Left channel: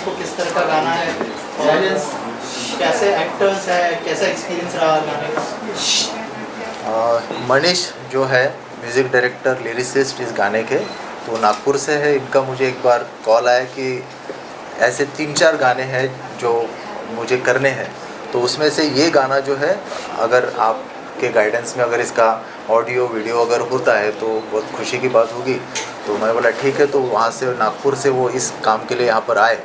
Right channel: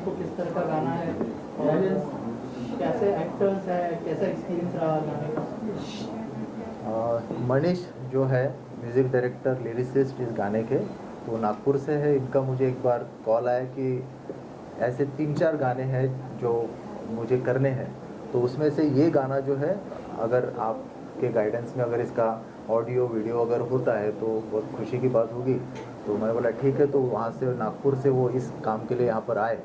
Audience को किस तरह का गाना है और कैसे एक्टर्स है, कैसा एक्सपीरियंस रहा गाने का? मनीष जो है म्यूज़िक डायरेक्टर लिरिसिस्ट इस गाने के, तो नागपुर से है। इनका मुझे एक बार कॉल आया कि ऐसे 3-4 गाने हैं जो मुझे करने हैं, तो उसमें से ये गाना जो है, अगर आपके गाइडेंस में अगर इसका ऑडियो वीडियो अगर होता है तो बहुत खुशी की बात होगी। तो मैं बोला ठीक है। तो वहाँ से नागपुर से वो इस काम के लिए यहाँ पर आए,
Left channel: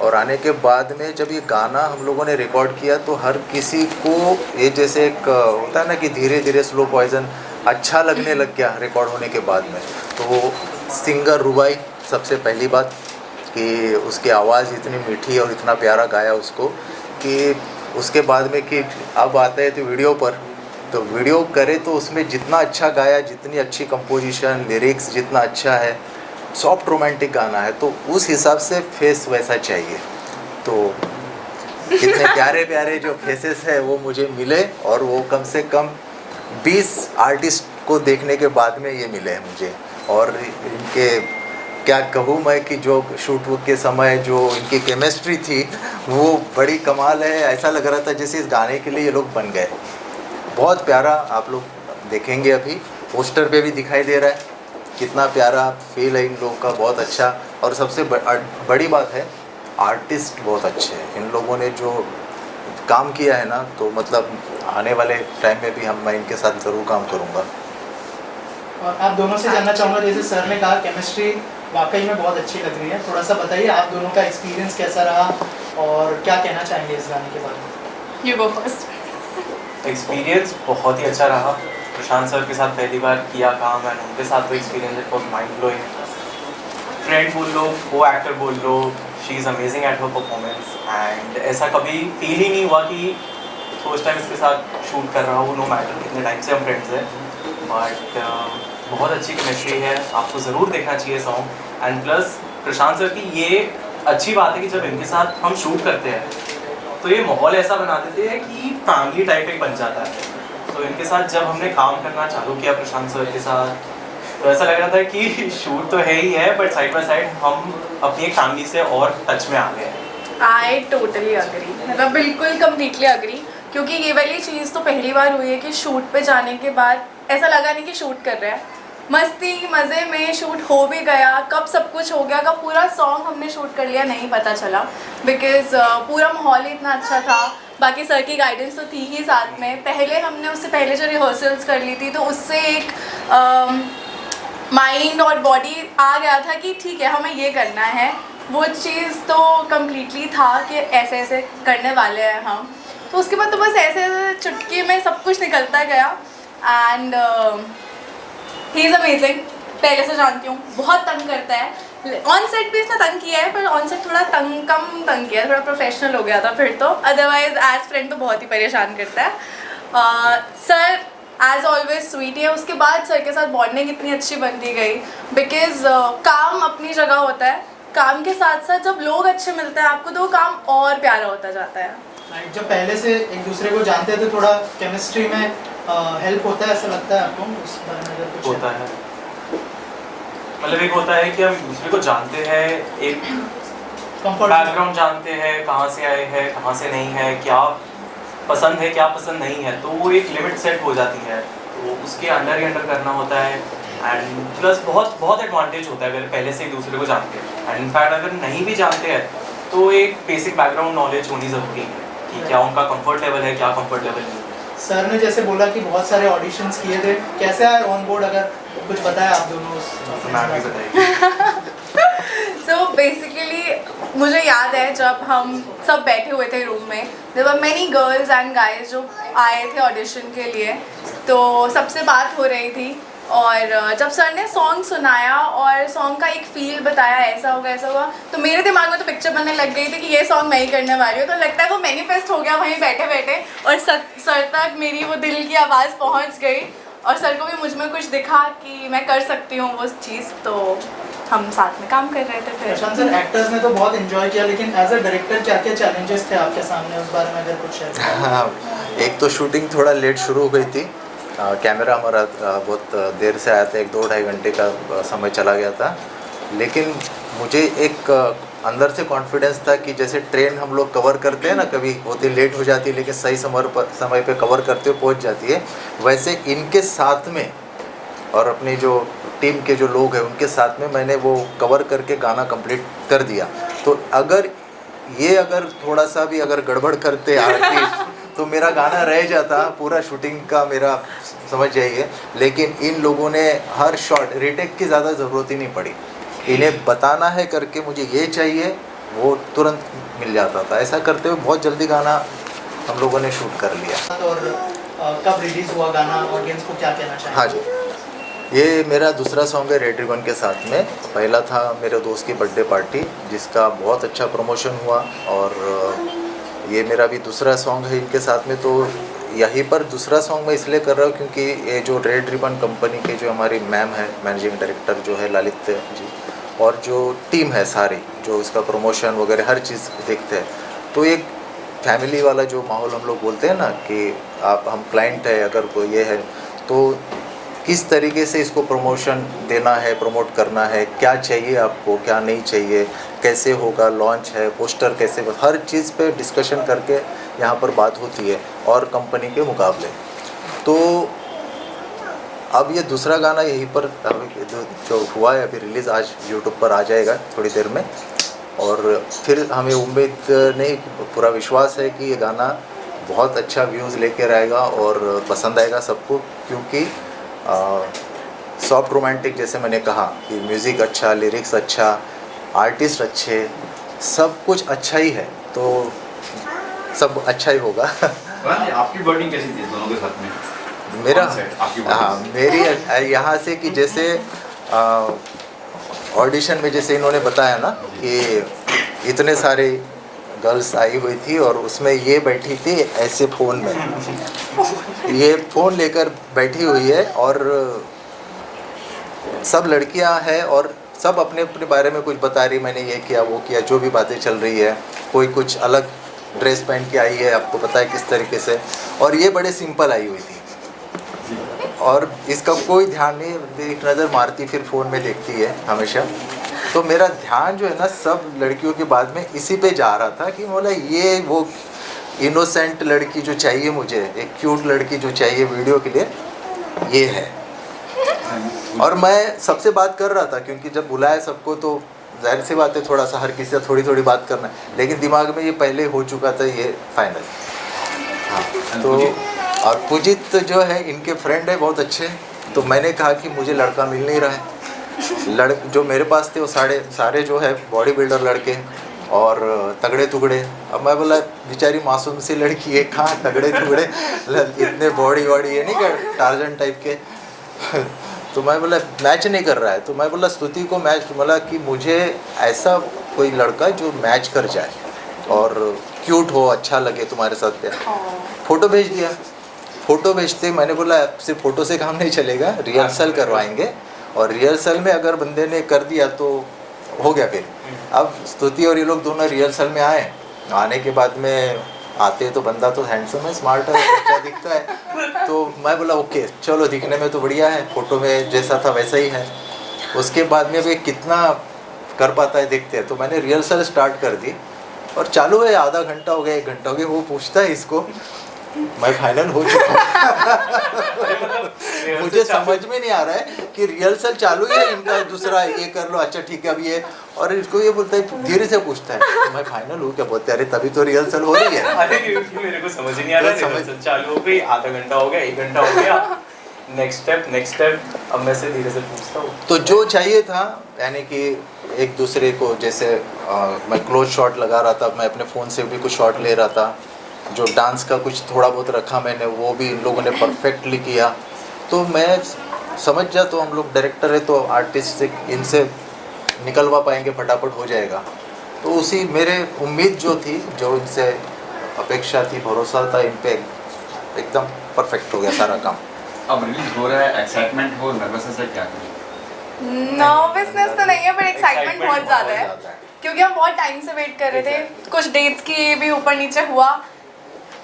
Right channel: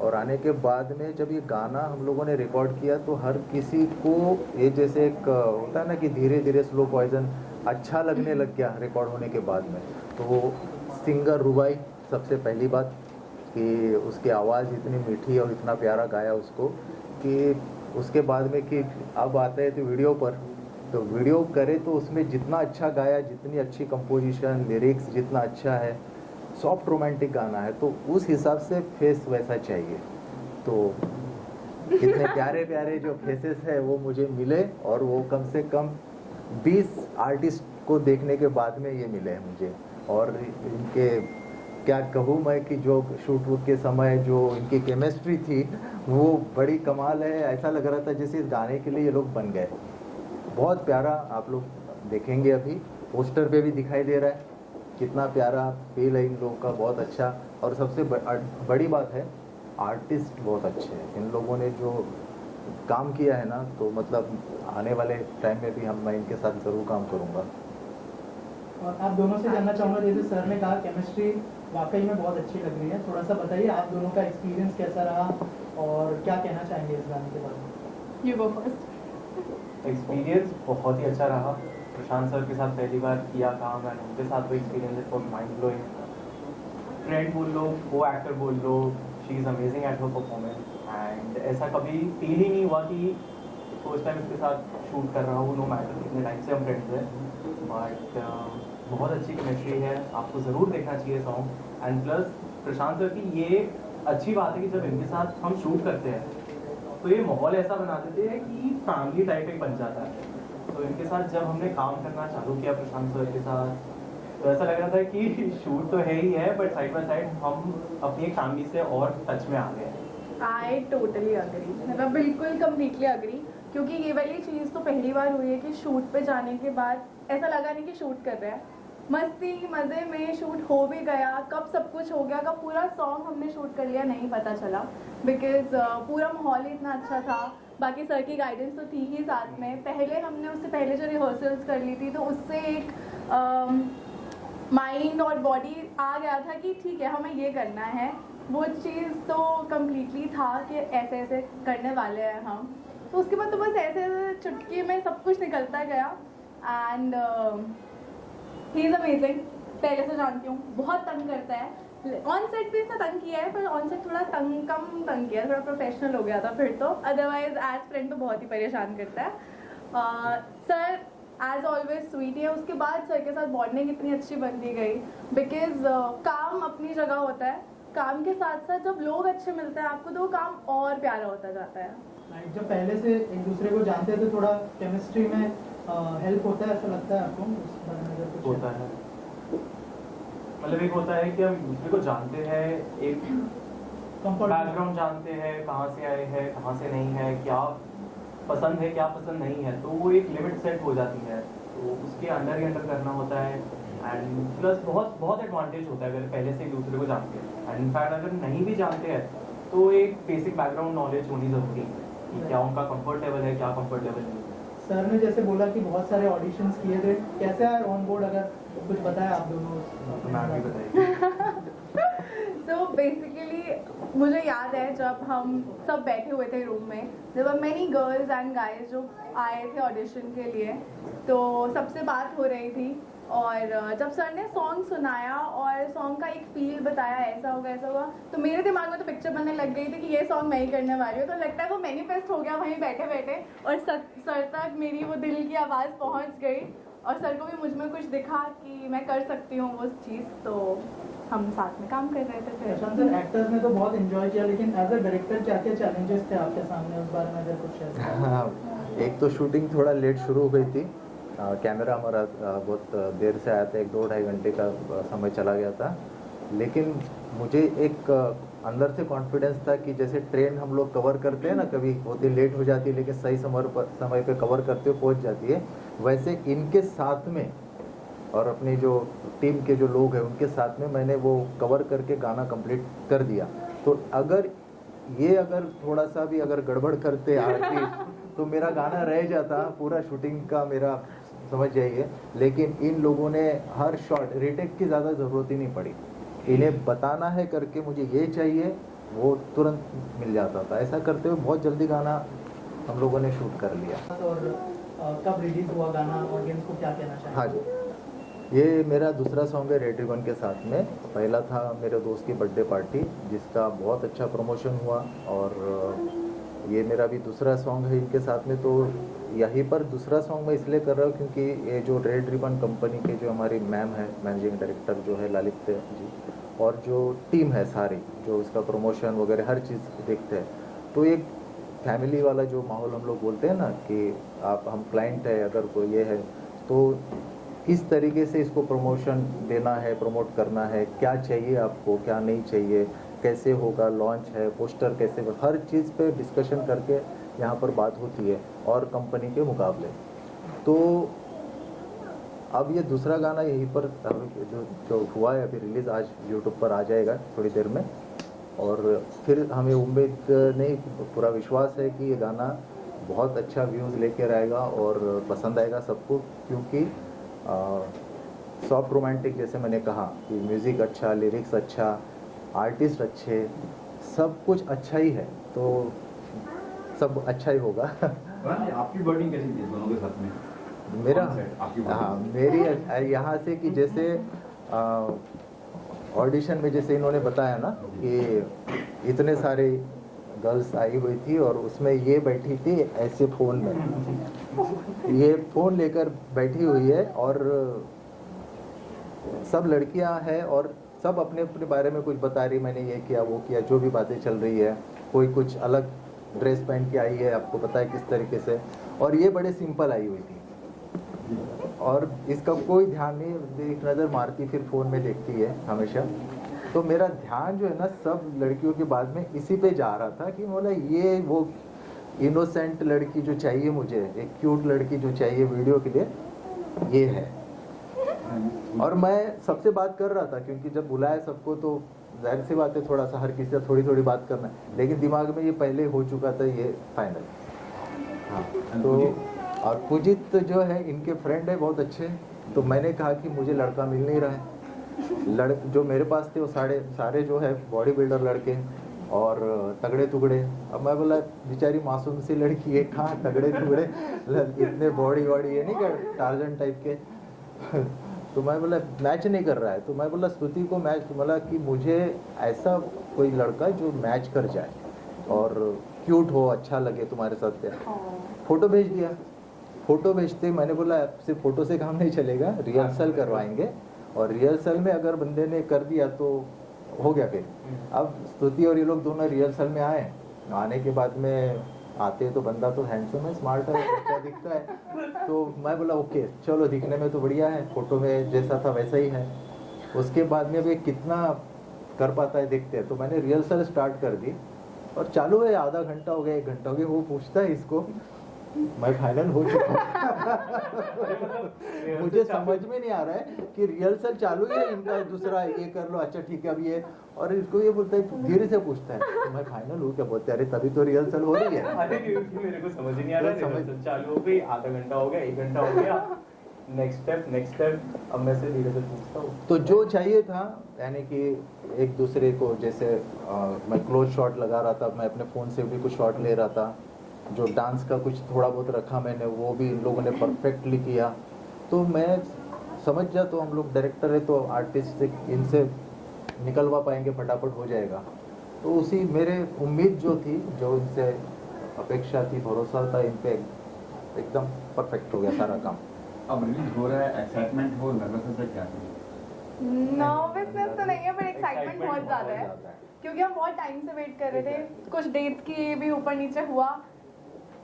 और आने के बाद में जब ये गाना हम लोगों ने रिकॉर्ड किया तो हर किसी को ये जैसे एक होता है ना कि धीरे धीरे स्लो पॉइजन अच्छा लगने लग गया रिकॉर्ड होने के बाद में। तो वो सिंगर रुबाई, सबसे पहली बात कि उसकी आवाज़ इतनी मीठी और इतना प्यारा गाया उसको, कि उसके बाद में कि अब आता है तो वीडियो पर, तो वीडियो करे तो उसमें जितना अच्छा गाया, जितनी अच्छी कंपोजिशन, लिरिक्स जितना अच्छा है, सॉफ्ट रोमांटिक गाना है, तो उस हिसाब से फेस वैसा चाहिए। तो इतने प्यारे प्यारे जो फेसेस है वो मुझे मिले, और वो कम से कम 20 आर्टिस्ट को देखने के बाद में ये मिले हैं मुझे। और इनके क्या कहूँ मैं कि जो शूट के समय जो इनकी केमिस्ट्री थी वो बड़ी कमाल है। ऐसा लग रहा था जैसे इस गाने के लिए ये लोग बन गए। बहुत प्यारा, आप लोग देखेंगे अभी पोस्टर पे भी दिखाई दे रहा है कितना प्यारा फील है इन लोगों का, बहुत अच्छा। और सबसे बड़ी बात है, आर्टिस्ट बहुत अच्छे हैं इन लोगों ने जो काम किया है ना, तो मतलब आने वाले टाइम में भी मैं इनके साथ ज़रूर काम करूँगा। और आप दोनों से जानना चाहूँगा, जैसे सर ने कहा केमिस्ट्री वाकई में बहुत अच्छी लग रही है, थोड़ा सा बताइए आप दोनों का एक्सपीरियंस कैसा रहा और क्या कहना चाहेंगे इस गाने के बारे में? You go first. एक्सपीरियंस बहुत ही अच्छा रहा। प्रशांत सर के साथ पहली बार किया काम, एंड उनके साथ तो experience it was mind blowing. Friend बोल लो, को एक्टर बोल लो, she is amazing at her performance. And ऐसा कभी फील ही नहीं हुआ कि फर्स्ट टाइम इसके साथ शूट कर रहा हूँ, नो मैटर कितने टाइम से हम फ्रेंड्स हैं। बट बहुत अच्छी केमिस्ट्री है, आपको ज़रूर देखना चाहिए song. And plus Prashant sir की ये अच्छी बात है कि जब इनके साथ हम शूट करते हैं तो ये माहौल ऐसा बना देते हैं कि फैमिली टाइप एक बन जाता है। तो इनके साथ जब हमने काम करना चालू किया प्रशांत सर के साथ, तो ऐसा लग रहा था कि शूट तो है ही है, बट साइड बाय साइड हम अपनी एक फैमिली से और टच में आ गए हैं। आई टोटली अग्री, मतलब बिल्कुल कम्प्लीटली अग्री, क्योंकि ये वाली चीज़ तो पहली बार हुई है कि शूट पे जाने के बाद ऐसा लगा नहीं कि शूट कर रहे हैं। मस्ती मज़े में शूट हो भी गया, कब सब कुछ हो गया, कब पूरा सॉन्ग हमने शूट कर लिया नहीं पता चला, बिकॉज़ पूरा माहौल ही इतना अच्छा था। बाकी सर की गाइडेंस तो थी ही साथ में। पहले हमने उससे पहले जो रिहर्सल्स कर ली थी, तो उससे एक माइंड और बॉडी आ गया था कि ठीक है हमें ये करना है। वो चीज़ तो कम्प्लीटली था कि ऐसे ऐसे करने वाले हैं हम। तो उसके बाद तो बस ऐसे ऐसे चुटकी में सब कुछ निकलता गया। एंड ही इज़ अमेजिंग, पहले से जानती हूँ, बहुत तंग करता है। ऑन सेट भी इसने तंग किया है, पर ऑन सेट थोड़ा कम तंग किया है, थोड़ा प्रोफेशनल हो गया था फिर तो। अदरवाइज एज फ्रेंड तो बहुत ही परेशान करता है। सर एज ऑलवेज स्वीट है। उसके बाद सर के साथ बॉन्डिंग इतनी अच्छी बनती गई, बिकॉज काम अपनी जगह होता है, काम के साथ साथ जब लोग अच्छे मिलते हैं आपको तो वो काम और प्यारा होता जाता है। जब पहले से एक दूसरे को जानते हैं तो थोड़ा केमिस्ट्री में हेल्प होता है, ऐसा लगता है आपको? उस बारे में अगर कुछ होता है, मतलब एक होता है कि हम दूसरे को जानते हैं, एक बैकग्राउंड जानते हैं, कहाँ से आए हैं, कहाँ से नहीं है, क्या पसंद है क्या पसंद नहीं है, तो वो एक लिमिट सेट हो जाती है, तो उसके अंडर ही अंडर करना होता है। एंड प्लस बहुत एडवांटेज होता है अगर पहले से एक दूसरे को जानते हैं। एंड इनफैक्ट अगर नहीं भी जानते हैं तो एक बेसिक बैकग्राउंड नॉलेज होनी ज़रूरी है कि क्या उनका कंफर्ट लेवल है, क्या कंफर्ट लेवल नहीं है। सर ने जैसे बोला कि बहुत सारे ऑडिशंस किए थे, कैसे आए ऑन बोर्ड, अगर कुछ बताया आप दोनों? मैम भी बताइए। सो बेसिकली मुझे याद है जब हम सब बैठे हुए थे रूम में, there were many girls and guys जो आए थे ऑडिशन के लिए, तो सबसे बात हो रही थी। और जब सर ने सॉन्ग सुनाया और सॉन्ग का एक फील बताया, ऐसा होगा ऐसा होगा, तो मेरे दिमाग में तो पिक्चर बनने लग गई थी कि ये सॉन्ग मैं ही करने वाली हूँ। तो लगता है वो मैनिफेस्ट हो गया वहीं बैठे बैठे, और सर तक मेरी वो दिल की आवाज़ पहुँच गई, और सर को भी मुझ में कुछ दिखा कि मैं कर सकती हूँ वो चीज़। तो हम साथ में काम कर रहे थे। फिर प्रशांत सर, एक्टर्स ने तो बहुत एंजॉय किया, लेकिन एज अ डायरेक्टर क्या क्या चैलेंजेस थे आपके सामने, उस बारे में अगर कुछ शेयर करें? हाँ, एक तो शूटिंग थोड़ा लेट शुरू हो गई थी। कैमरा हमारा बहुत देर से आया था, 1-2 ढाई घंटे का समय चला गया था। लेकिन मुझे एक अंदर से कॉन्फिडेंस था कि जैसे ट्रेन हम लोग कवर करते हैं ना, कभी होती लेट हो जाती है लेकिन सही समय पे कवर करते हुए पहुंच जाती है, वैसे इनके साथ में और अपनी जो टीम के जो लोग हैं उनके साथ में मैंने वो कवर करके गाना कंप्लीट कर दिया। तो अगर थोड़ा सा भी अगर गड़बड़ करते आर्टिस्ट तो मेरा गाना रह जाता पूरा शूटिंग का, मेरा समझ जाइए। लेकिन इन लोगों ने हर शॉट रीटेक की ज़्यादा ज़रूरत ही नहीं पड़ी, इन्हें बताना है करके मुझे ये चाहिए, वो तुरंत मिल जाता था। ऐसा करते हुए बहुत जल्दी गाना हम लोगों ने शूट कर लिया। और कब रिलीज हुआ गाना, ऑडियंस को क्या कहना चाहिए? हाँ जी, ये मेरा दूसरा सॉन्ग है रेड रिबन के साथ में। पहला था मेरे दोस्त की बर्थडे पार्टी जिसका बहुत अच्छा प्रमोशन हुआ, और ये मेरा भी दूसरा सॉन्ग है इनके साथ में। तो यहीं पर दूसरा सॉन्ग मैं इसलिए कर रहा हूँ क्योंकि ये जो रेड रिबन कंपनी के जो हमारी मैम है, मैनेजिंग डायरेक्टर जो है ललित जी, और जो टीम है सारी जो इसका प्रमोशन वगैरह हर चीज़ देखते हैं, तो एक फैमिली वाला जो माहौल हम लोग बोलते हैं ना कि हम क्लाइंट है, अगर कोई ये है तो किस तरीके से इसको प्रमोशन देना है, प्रमोट करना है, क्या चाहिए आपको, क्या नहीं चाहिए, कैसे होगा, लॉन्च है, पोस्टर कैसे, हर चीज़ पे डिस्कशन करके यहाँ पर बात होती है और कंपनी के मुकाबले। तो अब ये दूसरा गाना यहीं पर जो हुआ है अभी रिलीज़, आज यूट्यूब पर आ जाएगा थोड़ी देर में, और फिर हमें उम्मीद नहीं, पूरा विश्वास है कि ये गाना बहुत अच्छा व्यूज़ लेकर आएगा और पसंद आएगा सबको, क्योंकि सॉफ्ट रोमांटिक जैसे मैंने कहा कि म्यूज़िक अच्छा, लिरिक्स अच्छा, आर्टिस्ट अच्छे, सब कुछ अच्छा ही है, तो सब अच्छा ही होगा। आपकी बॉन्डिंग कैसी थी दोनों के साथ में? मेरा आपकी हाँ, मेरी यहाँ से कि जैसे ऑडिशन में जैसे इन्होंने बताया ना कि इतने सारे गर्ल्स आई हुई थी और उसमें ये बैठी थी ऐसे फ़ोन में, ये फ़ोन लेकर बैठी हुई है, और सब लड़कियां हैं और सब अपने अपने बारे में कुछ बता रही, मैंने ये किया वो किया, जो भी बातें चल रही है। कोई कुछ अलग ड्रेस पहन के आई है, आपको पता है किस तरीके से, और ये बड़े सिंपल आई हुई थी और इसका कोई ध्यान नहीं, एक नज़र मारती फिर फ़ोन में देखती है हमेशा। तो मेरा ध्यान जो है ना सब लड़कियों के बाद में इसी पे जा रहा था कि बोला ये वो इनोसेंट लड़की जो चाहिए मुझे, एक क्यूट लड़की जो चाहिए वीडियो के लिए, ये है। और मैं सबसे बात कर रहा था क्योंकि जब बुलाया सबको तो जाहिर सी बात है थोड़ा सा हर किसी से थोड़ी थोड़ी बात करना है, लेकिन दिमाग में ये पहले हो चुका था ये फाइनल। हाँ, तो और पुजित जो है इनके फ्रेंड है बहुत अच्छे, तो मैंने कहा कि मुझे लड़का मिल नहीं रहा है, जो मेरे पास थे वो सारे जो है बॉडी बिल्डर लड़के और तगड़े टुगड़े। अब मैं बोला बेचारी मासूम सी लड़की है, कहाँ तगड़े टुगड़े, इतने बॉडी ये नहीं कर टार्जन टाइप के। तो मैं बोला मैच नहीं कर रहा है, तो मैं बोला स्तुति को मैच, बोला कि मुझे ऐसा कोई लड़का जो मैच कर जाए और क्यूट हो, अच्छा लगे तुम्हारे साथ पे। फ़ोटो भेज दिया, फ़ोटो भेजते मैंने बोला सिर्फ फ़ोटो से काम नहीं चलेगा, रिहर्सल करवाएंगे, और रिहर्सल में अगर बंदे ने कर दिया तो हो गया। फिर अब स्तुति और ये लोग दोनों रिहर्सल में आए, आने के बाद में आते तो बंदा तो हैंडसम है, स्मार्ट है, अच्छा दिखता है, तो मैं बोला ओके चलो दिखने में तो बढ़िया है, फ़ोटो में जैसा था वैसा ही है। उसके बाद में वे कितना कर पाता है देखते हैं, तो मैंने रिहर्सल स्टार्ट कर दी और चालू है, आधा घंटा हो गया, 1 घंटा हो गया, वो पूछता है इसको मैं फाइनल हो चुका मुझे समझ में नहीं आ रहा है कि रिहर्सल चालू है इनका, दूसरा ये कर लो, अच्छा ठीक है अब ये, और इसको ये बोलता है धीरे से पूछता है तो मैं फाइनल हूँ क्या, बोलते अरे तभी तो रिहर्सल हो रही है। अरे मेरे को समझ ही नहीं आ रहा, रिहर्सल चालू हो गई, आधा घंटा हो गया, 1 घंटा हो गया, नेक्स्ट स्टेप, अब मैं से धीरे से पूछता हूँ। तो जो चाहिए था यानी कि एक दूसरे को जैसे मैं क्लोज शॉट लगा रहा था, मैं अपने फ़ोन से भी कुछ शॉट ले रहा था, जो डांस का कुछ थोड़ा बहुत रखा मैंने वो भी इन लोगों ने परफेक्टली किया। तो मैं समझ जा, तो हम लोग डायरेक्टर है तो आर्टिस्ट से इनसे निकलवा पाएंगे, फटाफट हो जाएगा। तो उसी मेरे उम्मीद जो थी, जो इनसे अपेक्षा थी, भरोसा था इन पे, एकदम परफेक्ट हो गया सारा काम। अब रिलीज हो रहा है, एक्साइटमेंट हो, नर्वसनेस है, क्या करें? नर्वसनेस तो नहीं है पर एक्साइटमेंट बहुत ज़्यादा है, क्योंकि हम बहुत टाइम से वेट कर रहे थे, कुछ डेट्स की ये भी ऊपर नीचे हुआ,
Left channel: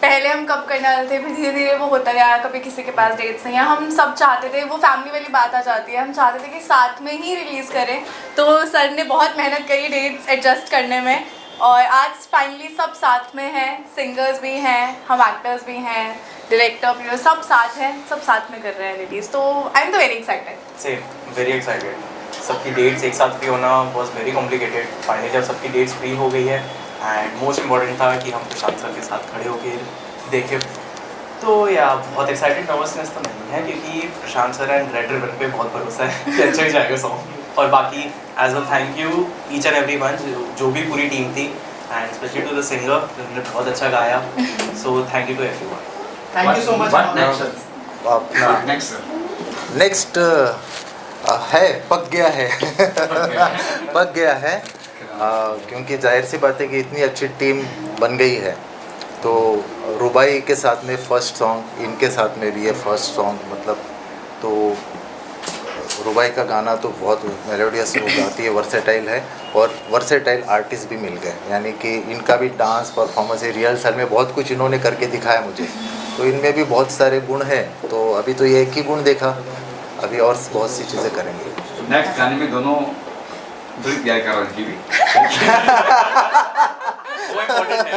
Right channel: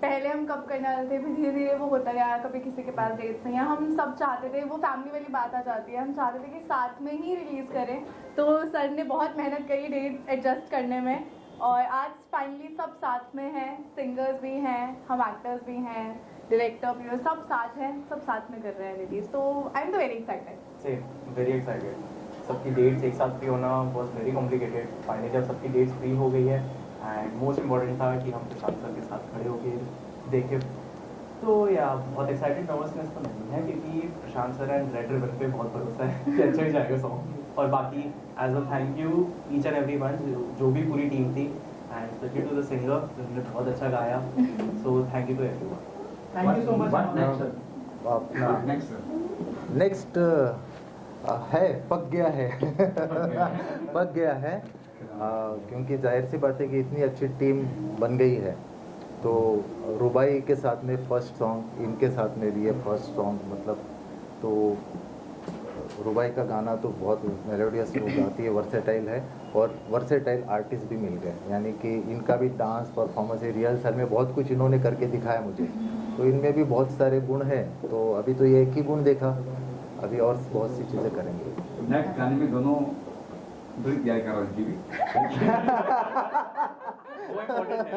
पहले हम कब करने वाले थे, फिर धीरे धीरे वो होता गया, कभी किसी के पास डेट्स नहीं है। हम सब चाहते थे, वो फैमिली वाली बात आ जाती है, हम चाहते थे कि साथ में ही रिलीज़ करें। तो सर ने बहुत मेहनत करी डेट्स एडजस्ट करने में, और आज फाइनली सब साथ में हैं, सिंगर्स भी हैं, हम एक्टर्स भी हैं, डायरेक्टर प्रोड्यूसर सब साथ हैं, सब साथ में कर रहे हैं रिलीज़। तो आई एम तो very excited. Same, very excited. सबकी डेट्स एक साथ फ्री होना वॉज वेरी कॉम्प्लिकेटेड। फाइनली जब सबकी डेट्स फ्री हो गई है, एंड मोस्ट इम्पॉर्टेंट था कि हम प्रशांत सर के साथ खड़े होकर देखें। तो या बहुत एक्साइटेड, नर्वसनेस तो नहीं है, क्योंकि प्रशांत सर एंड रेड रिबन पे बहुत भरोसा है कि अच्छा ही जाएगा सॉन्ग। और बाकी as well thank you each and every one, जो भी पूरी टीम थी, and specially to the singer जिन्होंने बहुत अच्छा गाया। So thank you to every one. Thank you so much. What next, sir? अपना Next, sir. नेक्स्ट है, पक गया है पक गया है, क्योंकि जाहिर सी बात है कि इतनी अच्छी टीम बन गई है। तो रुबाई के साथ में फर्स्ट सॉन्ग, इनके साथ में भी है फर्स्ट सॉन्ग, मतलब तो रुबाई का गाना तो बहुत मेलोडियस वो गाती है, वर्सेटाइल है, और वर्सेटाइल आर्टिस्ट भी मिल गए। यानी कि इनका भी डांस परफॉर्मेंस है, रिहर्सल में बहुत कुछ इन्होंने करके दिखाया मुझे, तो इनमें भी बहुत सारे गुण हैं। तो अभी तो ये एक ही गुण देखा, अभी और बहुत सी चीज़ें करेंगे। नेक्स्ट गाने में दोनों प्यार कर रही थी वो इम्पोर्टेंट है।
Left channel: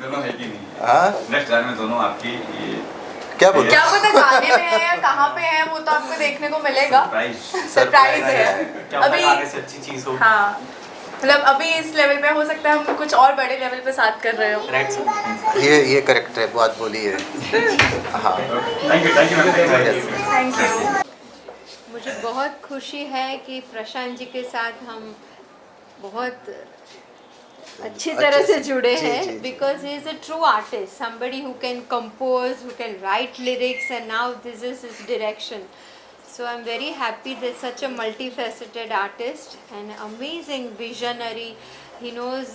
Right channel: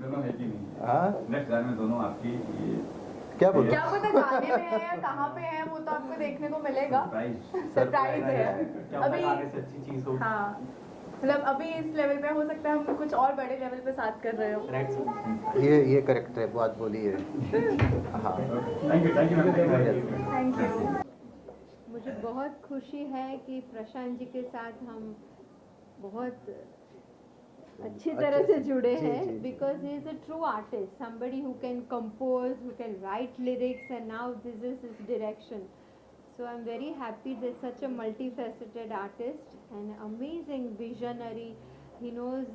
दोनों है कि नहीं? हाँ, नेक्स्ट गाने में दोनों आपकी ये क्या बोलो? क्या पता गाने में है या कहाँ पे है, वो तो आपको देखने को मिलेगा। सरप्राइज है क्या अभी। गाने से अच्छी चीज़ हो। हाँ, मतलब अभी इस लेवल पे हो सकता है हम कुछ और बड़े लेवल पे साथ कर रहे हो। Right sir. ये करेक्ट है, बात बोली है। हाँ, thank you ma'am. Thank you. मुझे बहुत खुशी है कि प्रशांत जी के साथ हम बहुत अच्छी तरह से जुड़े जी, जी, हैं, जी। Because he is a true artist, somebody who can compose, who can write lyrics, and now this is his direction. So I'm very happy that such a multifaceted artist and amazing visionary. He knows,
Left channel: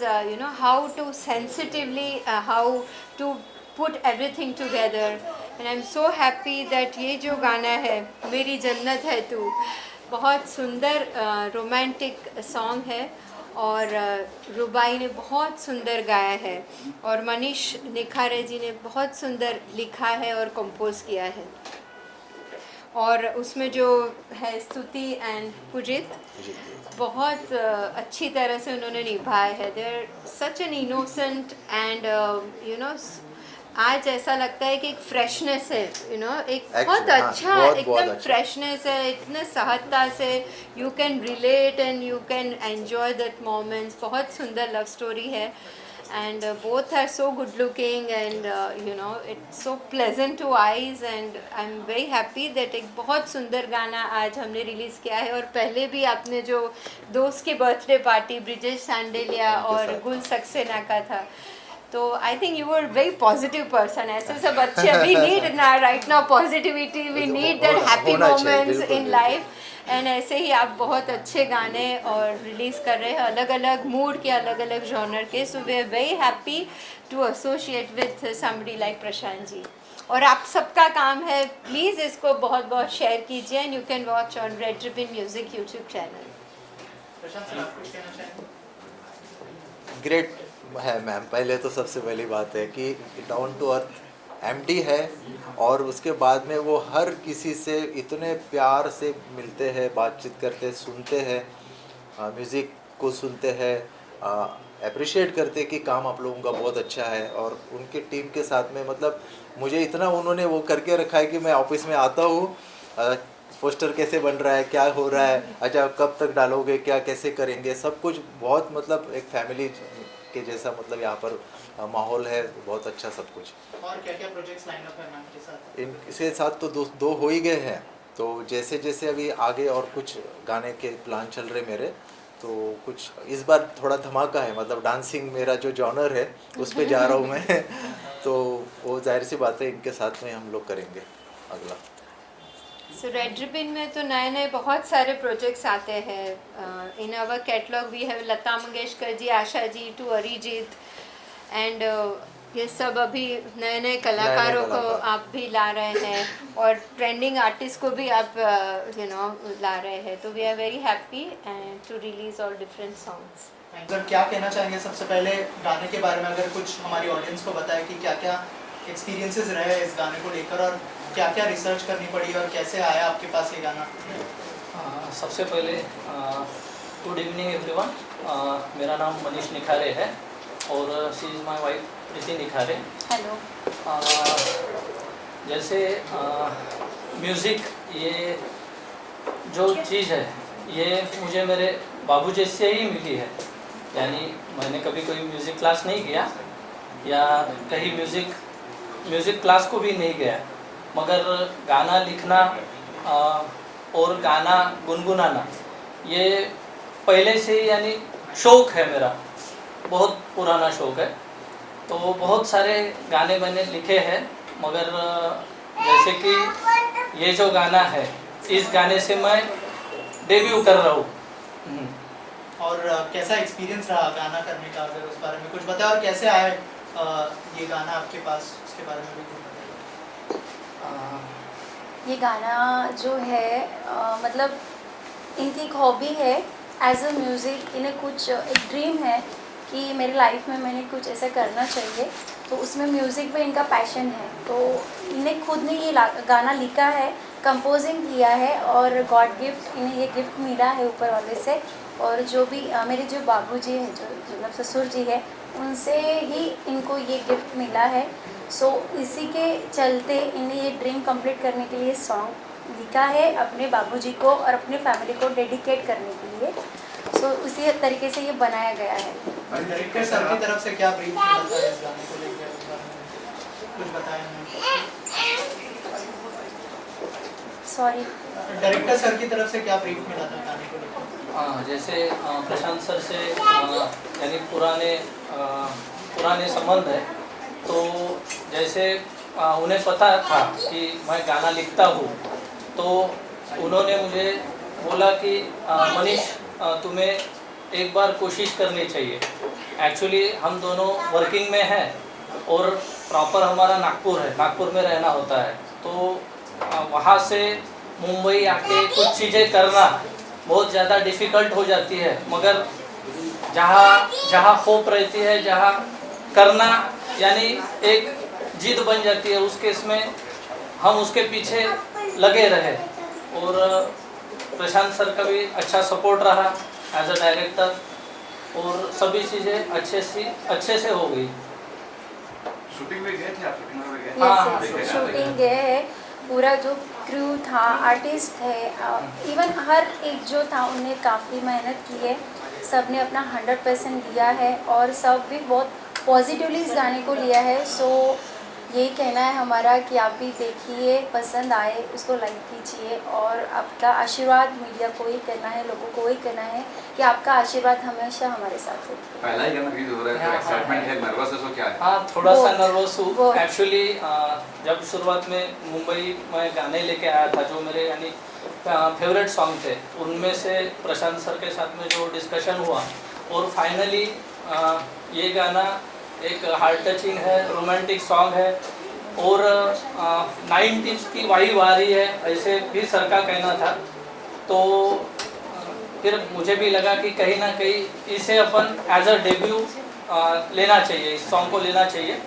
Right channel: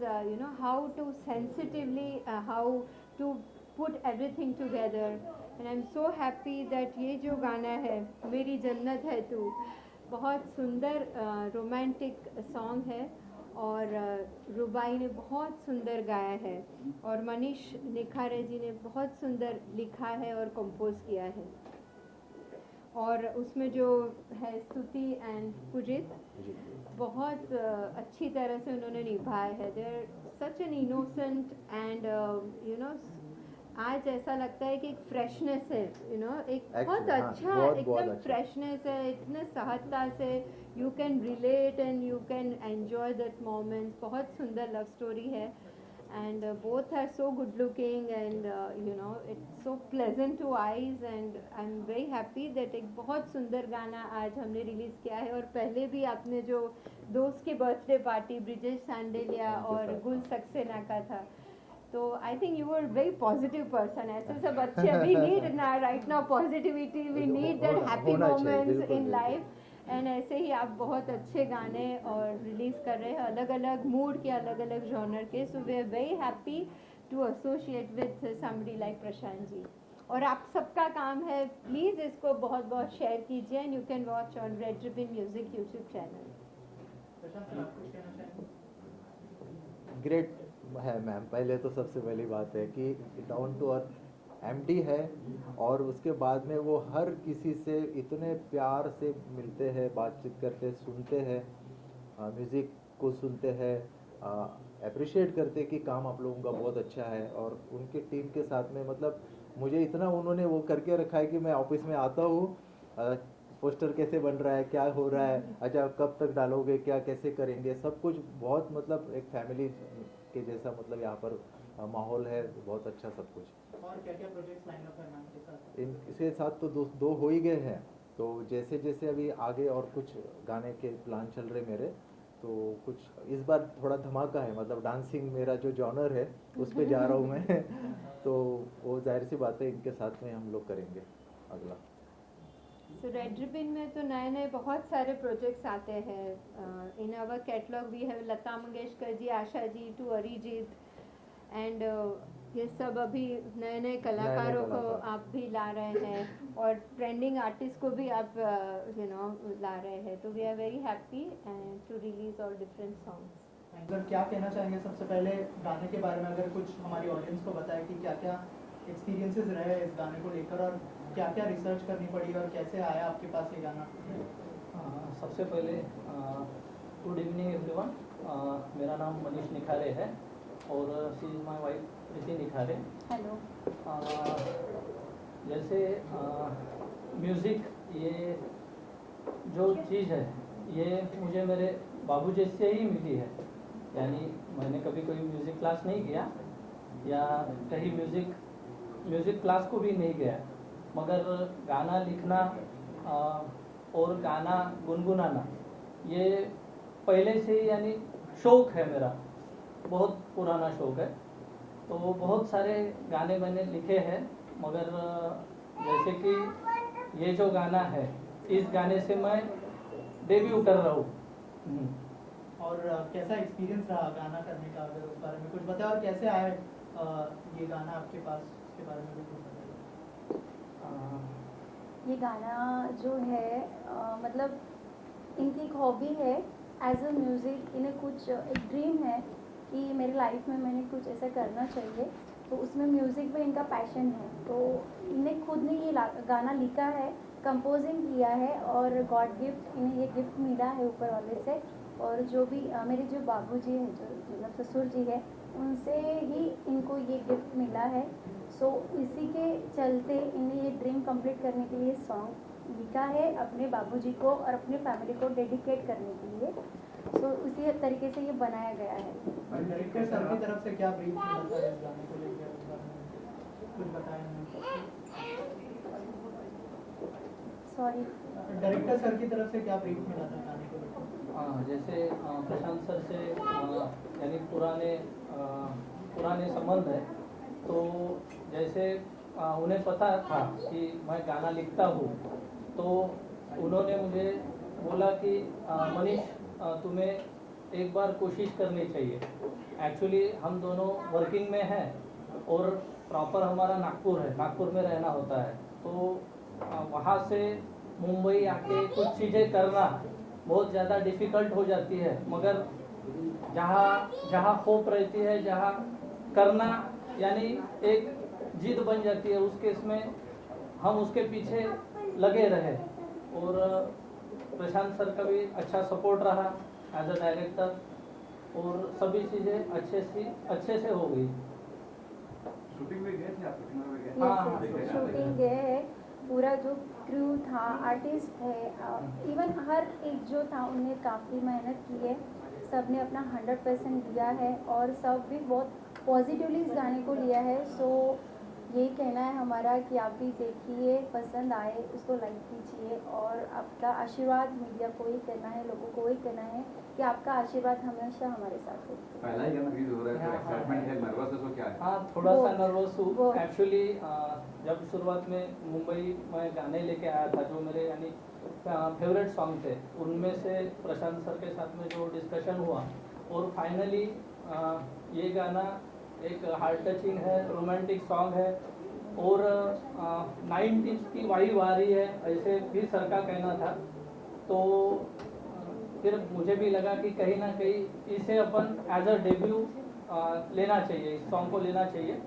how to sensitively, how to put everything together. And I'm so happy that ये जो गाना है, मेरी जन्नत है तू, बहुत सुंदर रोमांटिक सॉन्ग है, और रुबाई ने बहुत सुंदर गाया है, और मनीष निखारे जी ने बहुत सुंदर लिखा है और कंपोज किया है, और उसमें जो है स्तुति एंड पुजित बहुत अच्छी तरह से उन्होंने निभाया है. They are such an innocent and आज ऐसा लगता है कि एक फ्रेशनेस है, एक बहुत हाँ, अच्छा बहुत एकदम अच्छा। फ्रेशनेस है, इतने सहजता से you can relate and you can enjoy that moments. बहुत सुंदर लव स्टोरी है, and both are so good looking, and it's so pleasant to eyes, and I'm very happy that एक बहुत सुंदर गाना आज हमने रिलीज़ किया है. और पहले भी आपने जो दोस्त के बर्थडे पार्टी ब्रिजेश सांडेलिया और गुल सक्सेना का था, तो I think you are very positive person. ऐसे सब अच्छे, we need right now positivity, we need that happy होना चाहिए, मोमेंट्स बिल्कुल, इन लाइफ. एंड ऐसे ही आप बहुत अच्छे गाने और रिलीज़ कर रहे हैं, अलग अलग मूड के, अलग अलग जॉनर के. So we are very happy to associate with somebody like Prashant ji. और आप सबका काम है, प्लीज़ इसको बहुत बहुत शेयर कीजिए, and you can watch on red ribbon music YouTube channel. Prashant sir, आप कुछ कहना चाहेंगे? ग्रेट है मैम। पहले तो सबसे पहली बात है कि डाउन टू अर्थ एमडी है, और उसके बाद में वो हर किसी से इतने प्यार से मिलते हैं, बातचीत करते हैं, सुनते हैं, म्यूज़िक को सुनते हैं, अप्रिशिएट करते हैं कि काम आप लोगों का बहुत अच्छा है. और उनके टीम के साथ में मतलब मुझे इतना उन्होंने वो करके रखा है कि मैं ऑफिस में आता हूँ, पोस्टर कैसे बन रहा है, क्या हो रहा है, अच्छा कब तक डालोगे, क्या कैसे करेंगे, सब कुछ बहुत मतलब एक फैमिली के जैसा मतलब यहाँ पर माहौल है, बहुत अच्छा सब कुछ. और क्या क्या प्रोजेक्ट्स लाइन अप है मैम के साथ? इनके साथ तो दो हो ही गए हैं, तो जैसे जैसे अभी आगे और कुछ गाने के प्लान चल रहे मेरे, तो कुछ इस बार थोड़ा धमाका है, मतलब डांसिंग मेरा जो जॉनर है उस पे जा रहा हूँ मैं तो वो जाहिर सी बात है इनके साथ में हम लोग करेंगे अगला. सो रेड रिबन में तो नए नए बहुत सारे प्रोजेक्ट्स आते हैं. In our catalogue we have Lata Mangeshkar ji, Asha ji, to Arijit, and ये सब अभी नए नए कलाकारों को आप भी ला रहे हैं, और ट्रेंडिंग आर्टिस्ट को भी आप ला रहे हैं. तो we are very happy and to release all different songs. Sir क्या कहना चाहेंगे सबसे पहले गाने के बारे में, अगर कुछ हमारी ऑडियंस को बताए कि क्या क्या एक्सपीरियंसेस रहे इस गाने को लेकर और क्या क्या रिसर्च करनी पड़ी और कैसे आया आपके पास ये गाना? सबसे पहले गुड इवनिंग एवरीवन। मेरा नाम मनीष निखारे है और she is my wife Preeti Nikhare. Hello. जैसे म्यूज़िक ये जो चीज़ है ये मुझे मेरे बाबूजी से ही मिली है। यानी मैंने कभी कोई म्यूज़िक क्लास नहीं किया या कहीं म्यूज़िक क्लास को भी नहीं गया, मगर गाना लिखना और गाना गुनगुनाना ये पहले से ही यानी शौक़ है मेरा, बहुत पुराना शौक़ है। तो बहुत सारे गाने मैंने लिखे हैं, मगर जैसे कि ये जो गाना है इस गाने से मैं डेब्यू कर रहा हूँ। और कैसा एक्सपीरियंस रहा गाना करने का, अगर उस बारे में कुछ बताएं, और कैसे आए ये गाना आपके पास, उसके बारे में भी कुछ बताइए। ये गाना जो है मतलब इनकी एक हॉबी है एज अ म्यूज़िक। इन्हें कुछ एक ड्रीम है कि मेरी लाइफ में मैंने कुछ ऐसा करना चाहिए, तो उसमें म्यूज़िक पे इनका पैशन है। तो इन्हें खुद ने ये गाना लिखा है, कंपोजिंग किया है और गॉड गिफ्ट, इन्हें ये गिफ्ट मिला है ऊपर वाले से। और जो भी मेरे जो बाबूजी हैं, जो मतलब ससुर जी है, उनसे ही इनको ये गिफ्ट मिला है। सो इसी के चलते इन्हें ये ड्रीम कंप्लीट करने के लिए सॉन्ग लिखा है अपने बाबूजी को और अपने फैमिली को डेडिकेट करने के लिए। सो उसी तरीके से ये बनाया गया है। डायरेक्टर सर की तरफ से क्या ब्रीफ मिला था इस गाने को लेकर, उस बारे में कुछ बताया हमें? सॉरी, डायरेक्टर सर की तरफ से क्या ब्रीफ मिला था गाने को लेकर? जैसे प्रशांत सर से यानी पुराने संबंध है, तो जैसे उन्हें पता था कि मैं गाना लिखता हूँ, तो उन्होंने मुझे बोला कि मनीष तुम्हें एक बार कोशिश करनी चाहिए। एक्चुअली हम दोनों वर्किंग में हैं और प्रॉपर हमारा नागपुर है, नागपुर में रहना होता है, तो वहाँ से मुंबई आके कुछ चीज़ें करना बहुत ज़्यादा डिफ़िकल्ट हो जाती है, मगर जहाँ होप रहती है, जहाँ करना यानी एक जिद बन जाती है, उस केस में हम उसके पीछे लगे रहे। और प्रशांत सर का भी अच्छा सपोर्ट रहा एज अ डायरेक्टर, और सभी चीज़ें अच्छे से हो गई। शूटिंग में गए थे आप? शूटिंग में गए? हाँ, शूटिंग गए है, पूरा जो क्रू था, आर्टिस्ट है, इवन हर एक जो था उन्हें काफ़ी मेहनत की है। सब ने अपना 100% दिया है और सब भी बहुत पॉजिटिवली इस गाने को लिया है। सो यही कहना है हमारा कि आप भी देखिए, पसंद आए उसको लाइक कीजिए, और आपका आशीर्वाद मीडिया को ही करना है, लोगों को ही करना है कि आपका आशीर्वाद हमेशा हमारे साथ हो। पहला ही गाना रिलीज हो रहा है, तो एक्साइटमेंट है, नर्वस है, क्या है? हाँ, थोड़ा सा नर्वस हूँ। बहुत। एक्चुअली जब शुरुआत में मुंबई में गाने लेके आया था, जो मेरे यानी फेवरेट सॉन्ग थे, उनमें से प्रशांत सर के साथ में जो डिस्कशन हुआ, और फाइनली ये गाना एक हार्ट टचिंग है, रोमांटिक सॉन्ग है, और 90s की वाइब आ रही है, ऐसे भी सर का कहना था। तो फिर मुझे भी लगा कि कहीं ना कहीं इसे अपन एज अ डेब्यू लेना चाहिए, इस सॉन्ग को लेना चाहिए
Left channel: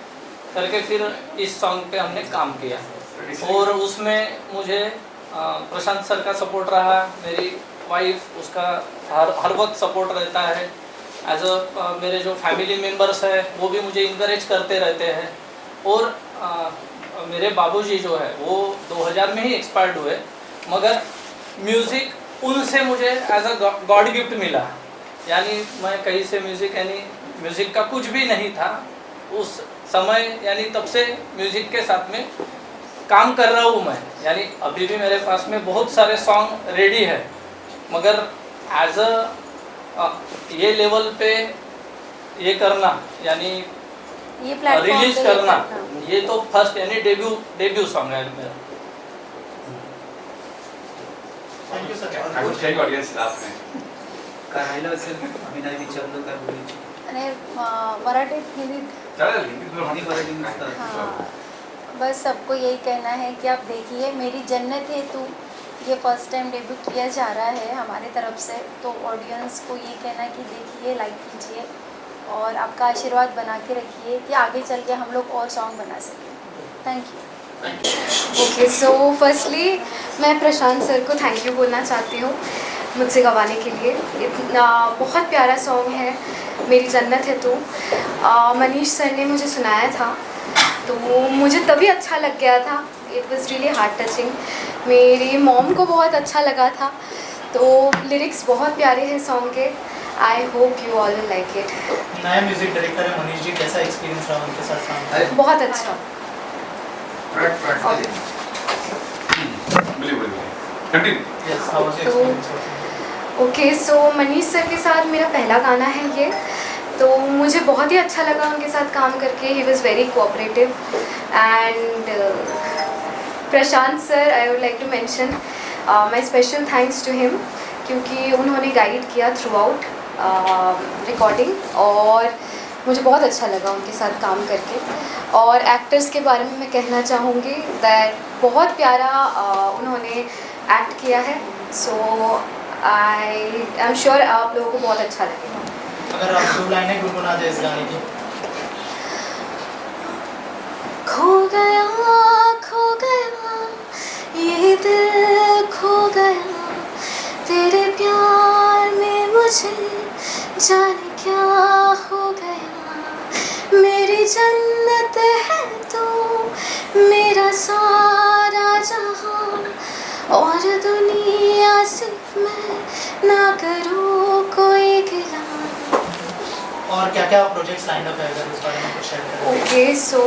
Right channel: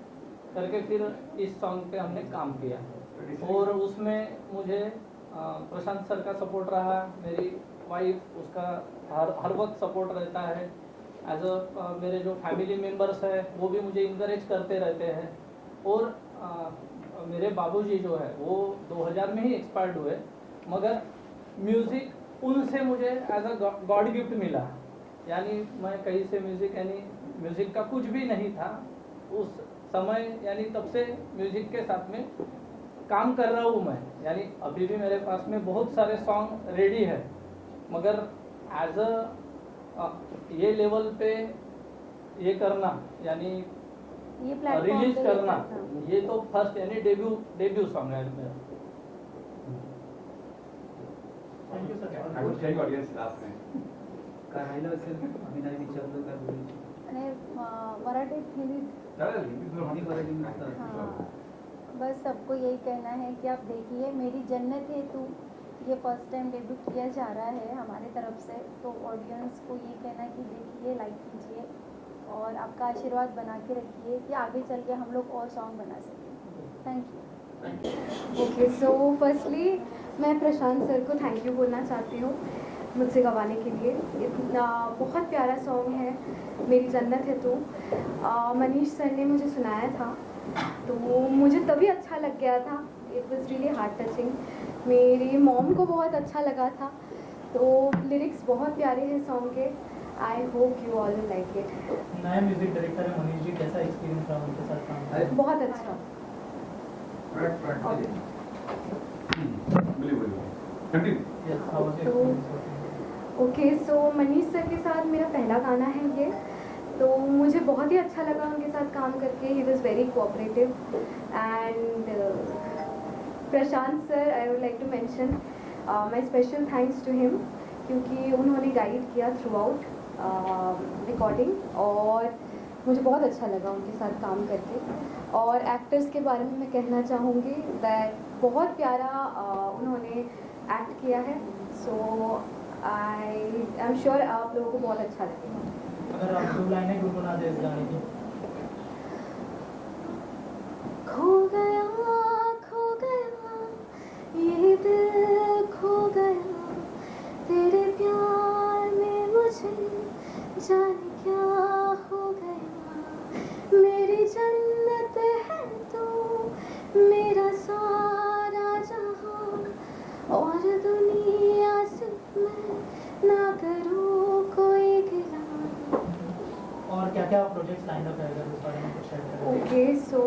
करके फिर इस सॉन्ग पे हमने काम किया। और उसमें मुझे प्रशांत सर का सपोर्ट रहा, मेरी वाइफ उसका हर वक्त सपोर्ट रहता है। एज अ मेरे जो फैमिली मेम्बर्स हैं वो भी मुझे इनकरेज करते रहते हैं। और मेरे बाबूजी जो है वो 2000 में ही एक्सपायर्ड हुए, मगर म्यूज़िक उनसे मुझे एज अ गॉड गिफ्ट मिला। यानी मैं कहीं से म्यूज़िक का कुछ भी नहीं था उस समय, यानी तब से म्यूज़िक के साथ में काम कर रहा हूँ मैं। यानी अभी भी मेरे पास में बहुत सारे सॉन्ग रेडी है, मगर एज अ ये लेवल पे ये करना यानी ये प्लेटफॉर्म रिलीज पे करना, करना। ये तो फर्स्ट यानी डेब्यू सॉन्ग है मेरा। Thank you sir. कुछ काही ऑडियन्स आपने काय राहिलं असेल आम्ही नाही विचारलं काय बोलायची आणि मराठीत, हिंदीत, चालेल हिंदीत बोल, हिंदी मराठी नुसतं हाँ, बस सबको यही कहना है कि आप देखिए, मेरी जन्नत है तू, ये फर्स्ट टाइम डेब्यू किया जा रहा है हमारे तरफ से, तो ऑडियंस को ये कहना है कि देखिए, लाइक कीजिए और आपका आशीर्वाद बना के रखिए कि आगे चल के हम लोग और सॉन्ग बना सकें। Thank you. Okay, so firstly मैं प्रशांत सर को थैंक यू बोलना चाहती हूँ मुझसे गवाने के लिए। इतना बहुत प्यारा सॉन्ग है, मेरी जन्नत है तू। मनीष सर ने मुझे सुनाया था तो मुझे तभी अच्छा लग गया था। It was really heart touching. मेरी मॉम को बहुत अच्छा लगा था, तो लिरिक्स बहुत प्यारे हैं सॉन्ग के। I hope you all will like it. नया म्यूजिक डायरेक्टर है मनीष जी, कैसा एक्सपीरियंस रहा उनके साथ काम करना? बहुत अच्छा। Yes, how was your तो experience working? ओके, सो मनीष सर के साथ मेरा पहला गाना है ये, तो मुझे बहुत ही अच्छा लगा उनके साथ काम करके। He was very cooperative. And Prashant sir, I would like to mention my special thanks to him, क्योंकि उन्होंने गाइड किया थ्रू आउट रिकॉर्डिंग, और मुझे बहुत अच्छा लगा उनके साथ काम करके। और एक्टर्स के बारे में मैं कहना चाहूँगी दैट बहुत प्यारा उन्होंने एक्ट किया है। सो आई एम श्योर आप लोगों को बहुत अच्छा लगेगा। अगर आप 2 लाइनें गुनगुना दें इस गाने की। खो गया ये दिल, खो गया तेरे प्यार में, मुझे जाने क्या हो गया। मेरी जन्नत है तू, मेरा सारा जहां, और दुनिया से मैं ना करूँ कोई गिला। और क्या क्या प्रोजेक्ट्स लाइन अप है, अगर इस बारे में कुछ शेयर करें? ओके, सो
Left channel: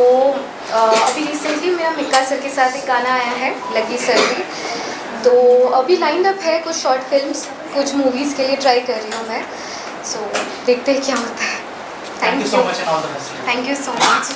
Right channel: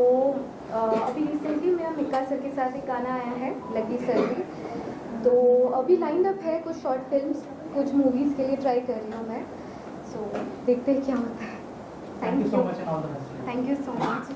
अभी रिसेंटली मेरा मिक्का सर के साथ एक गाना आया है, लकी सर भी। तो अभी लाइन अप है कुछ शॉर्ट फिल्म्स, कुछ मूवीज़ के लिए ट्राई कर रही हूँ मैं। सो देखते हैं क्या होता है। Thank you so much and all the best. Thank you so much.